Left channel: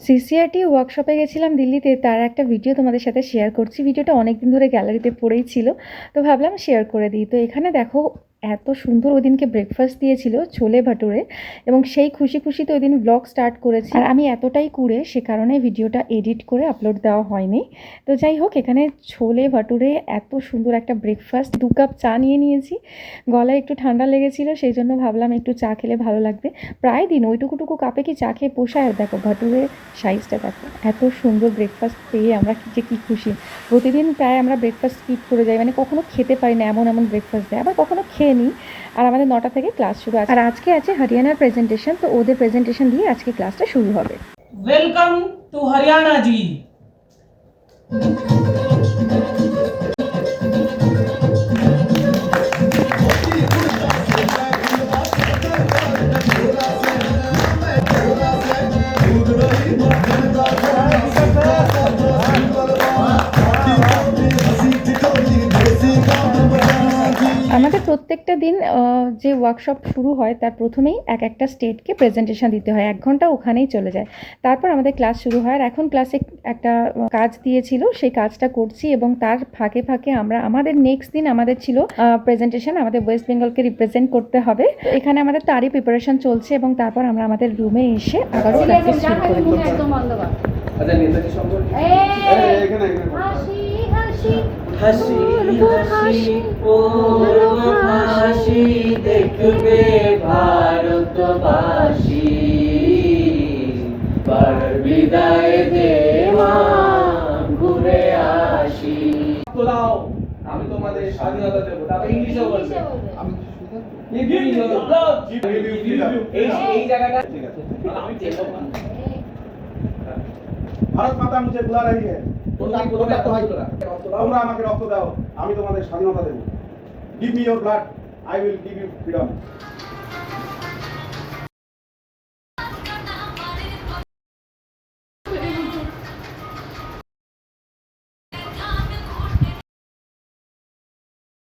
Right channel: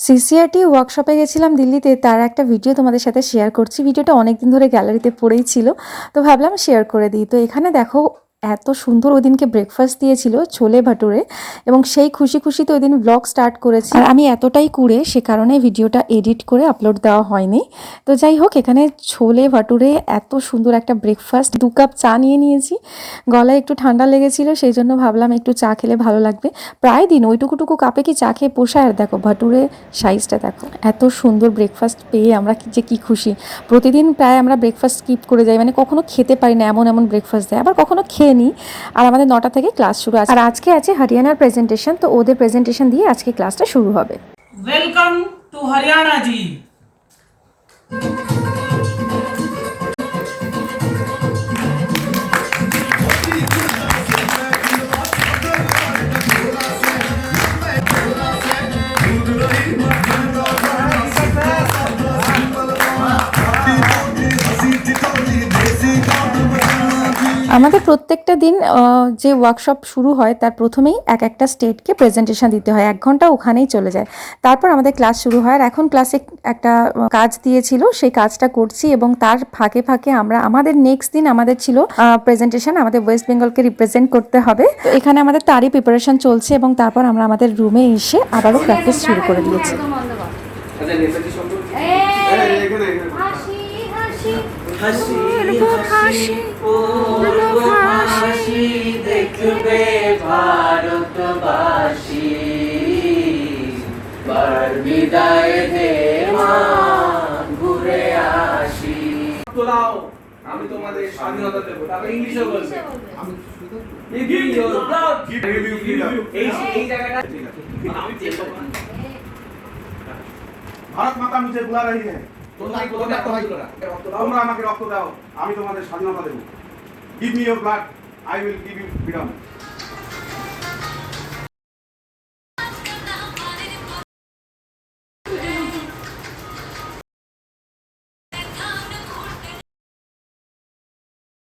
সিসিআরটি ওয়ার্কশপে গেছিলাম দিল্লিতে, তার একটা ভিডিও তোমাদের সাথে শেয়ার করছি। ভিডিওটা অনেক দিন ধরে গ্যালারিতে পড়েই ছিল, তো ভাবলাম শেয়ার করে দিই। তো এখানে দেখো এত সুন্দর ওই দিনকে ব্রেকফাস্ট দিয়েছিল ছোলে ভাটুরে এবং সেই খুশি খুশিতে ওই দিন ব্লগ স্টার্ট করেছি। আমি এতটাই কুড়ে সে কারণে ভিডিওটা এডিট করে আপলোড দেওয়া হয়নি। তো যাই হোক, এখানে ছোলে ভাটুরে এত সুন্দর একটা ব্রেকফাস্ট দু কাপ চা নিয়ে নিয়েছি। গলায় একটু ঠান্ডা লেগেছিল, সেই জন্য ভাবলাম একটু চা খেলে ভালো লাগবে। প্রায় দিন ওইটুকুটুকু কাপে কি চা খেয়ে পোষায়? আর দেখো, ভাটুরে সাইজটা দেখো, এত সুন্দর ব্রেকফাস্ট পেয়ে আমরা যে কি খুশি। প্রতিদিন প্রায় আমরা ব্রেকফাস্ট স্কিপ করে যাই মানে কখনো খেতে পারি না, এমন এমন ব্রেকফাস্ট দেয়। আবার কখনো খেয়ে খেয়ে নিই। আর আমাদের নটা থেকে ক্লাস শুরু আছে। আর আজকে আছে হরিয়ানার প্রেজেন্টেশন তো ওদের প্রেজেন্টেশন দিয়ে আজকে ক্লাসটা শুরু হবে। ওয়েলকাম টু হরিয়ানা জি প্রত্যেকটা দিন যে ওয়ার্কশপ শুরু হয় তার প্রথমেই এক একটা স্টেটকে প্রেজেন্টেশন দিতে হয়। এক ঘণ্টা ওখানেই চলে যায়। তারপর আমাদের ক্লাস শুরু হয় আর এখন ক্লাসে একটা কাজ দিয়েছিল সেই কাজটা করছি এবং তার ফাঁকে ফাঁকে আমরা আমাদের নেক্সট দিন আমাদের ছিল প্রেজেন্টেশন আমাদের ওয়েস্ট বেঙ্গলকে রিপ্রেজেন্ট করতে হবে। তো এখানে আমাদের তারই প্রিপারেশন চলছে এবং তারপর আমরা আমাদের রুমে এসে আবারও প্র্যাকটিস শুরু করে দিয়েছি একদম বন্ধ কর তোমাদের স্বাধীনতা দেবো তারপর ইংলিশে বলবে কিসে বলবে? You your blood. Give you freedom. এই এই জায়গাটা ঠিক আছে আমি চেষ্টা করব। ভারত মাতা মুঝে বুলা রহি है তোমরা আমাকে রক্ত দাও আমি তোমাদের স্বাধীনতা দেবো give me your blood I will give you freedom